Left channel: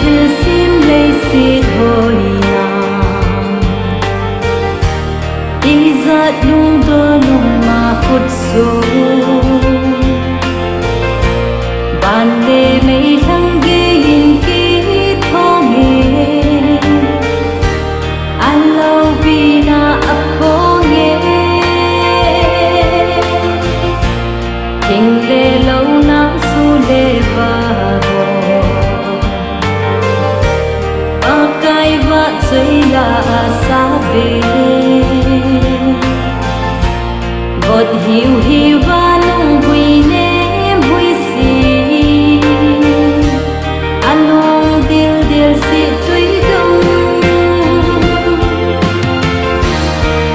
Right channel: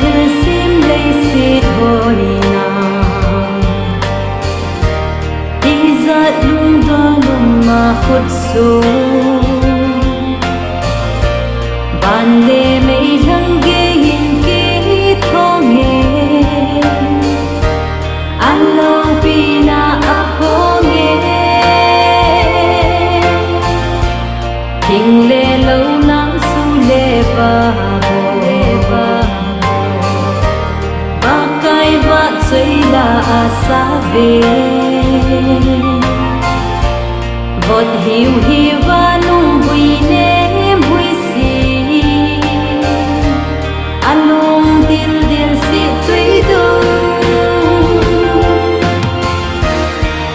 thil sim lấy xịt hồi nàng đi ra lung đơ lung mà khuất xuống ban lê mấy lăng ghê hình kỹ thô nghề anh lâu vì na ấp hô nghề thình lê lâu nắng su lê và bò ba cái vợ chơi là xa về vọt hiu hiu và nung vui ném vui xì along dil dil si tuy đông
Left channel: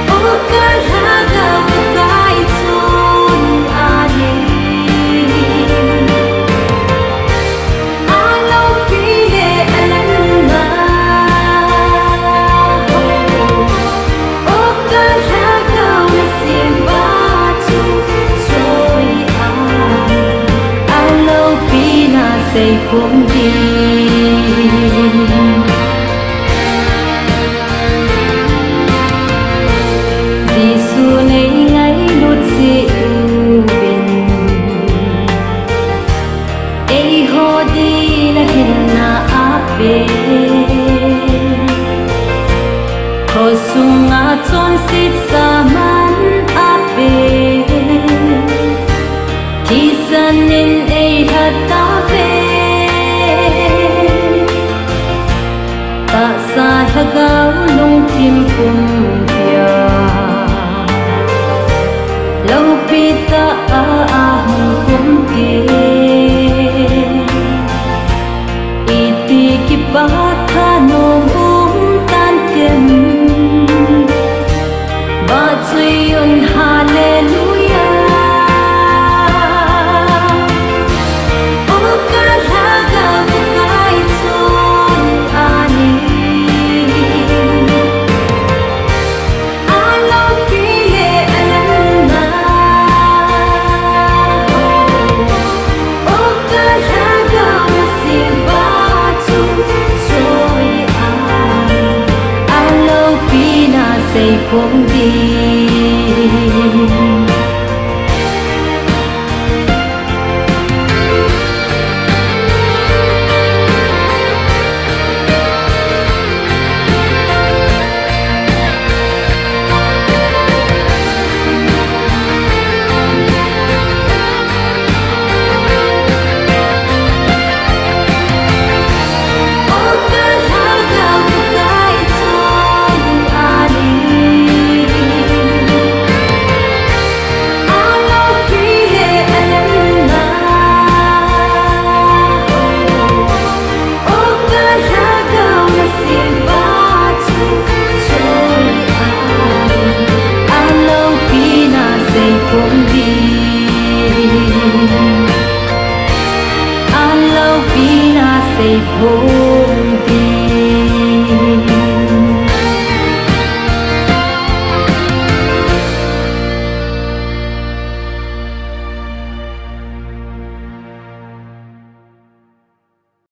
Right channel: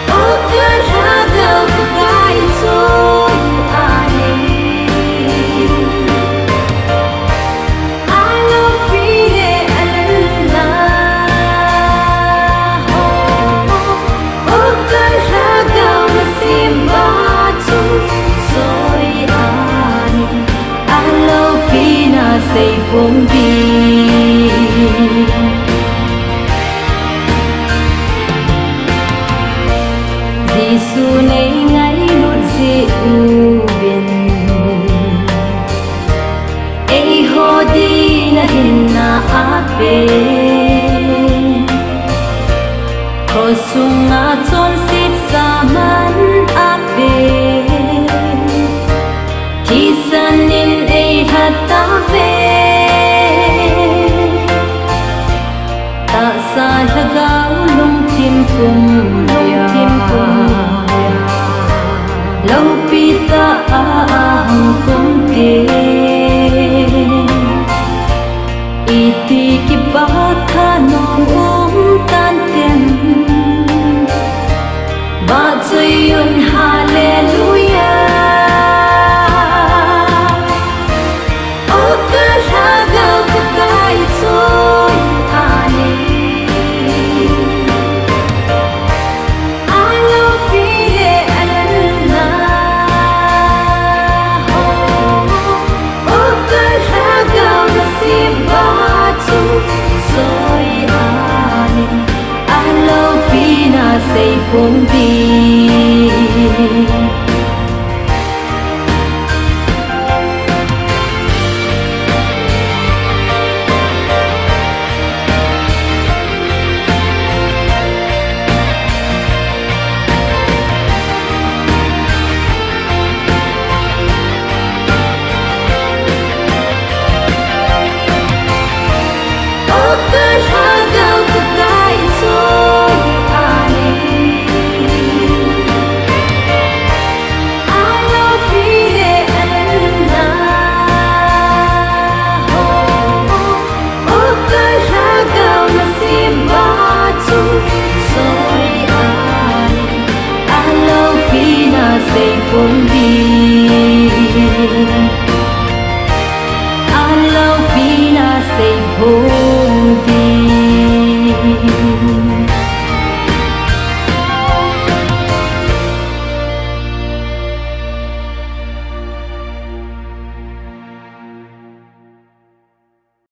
ô cả ra gạo của cái trôi ani alo pile alna ô cả ra gạo na simba rồi ani alo pina say phong đi Giêsu này ngay lút dị u bin ấy ho đi na hin na ape ko sunga chon sit sa man ape thì sanin ấy thật ta về ta sa lagaw lung tim pum bia lâu pita ahang kum te iti ki bakha nom tan tem ba chayun hallelujah say phong đi say phong đi alo pina say phong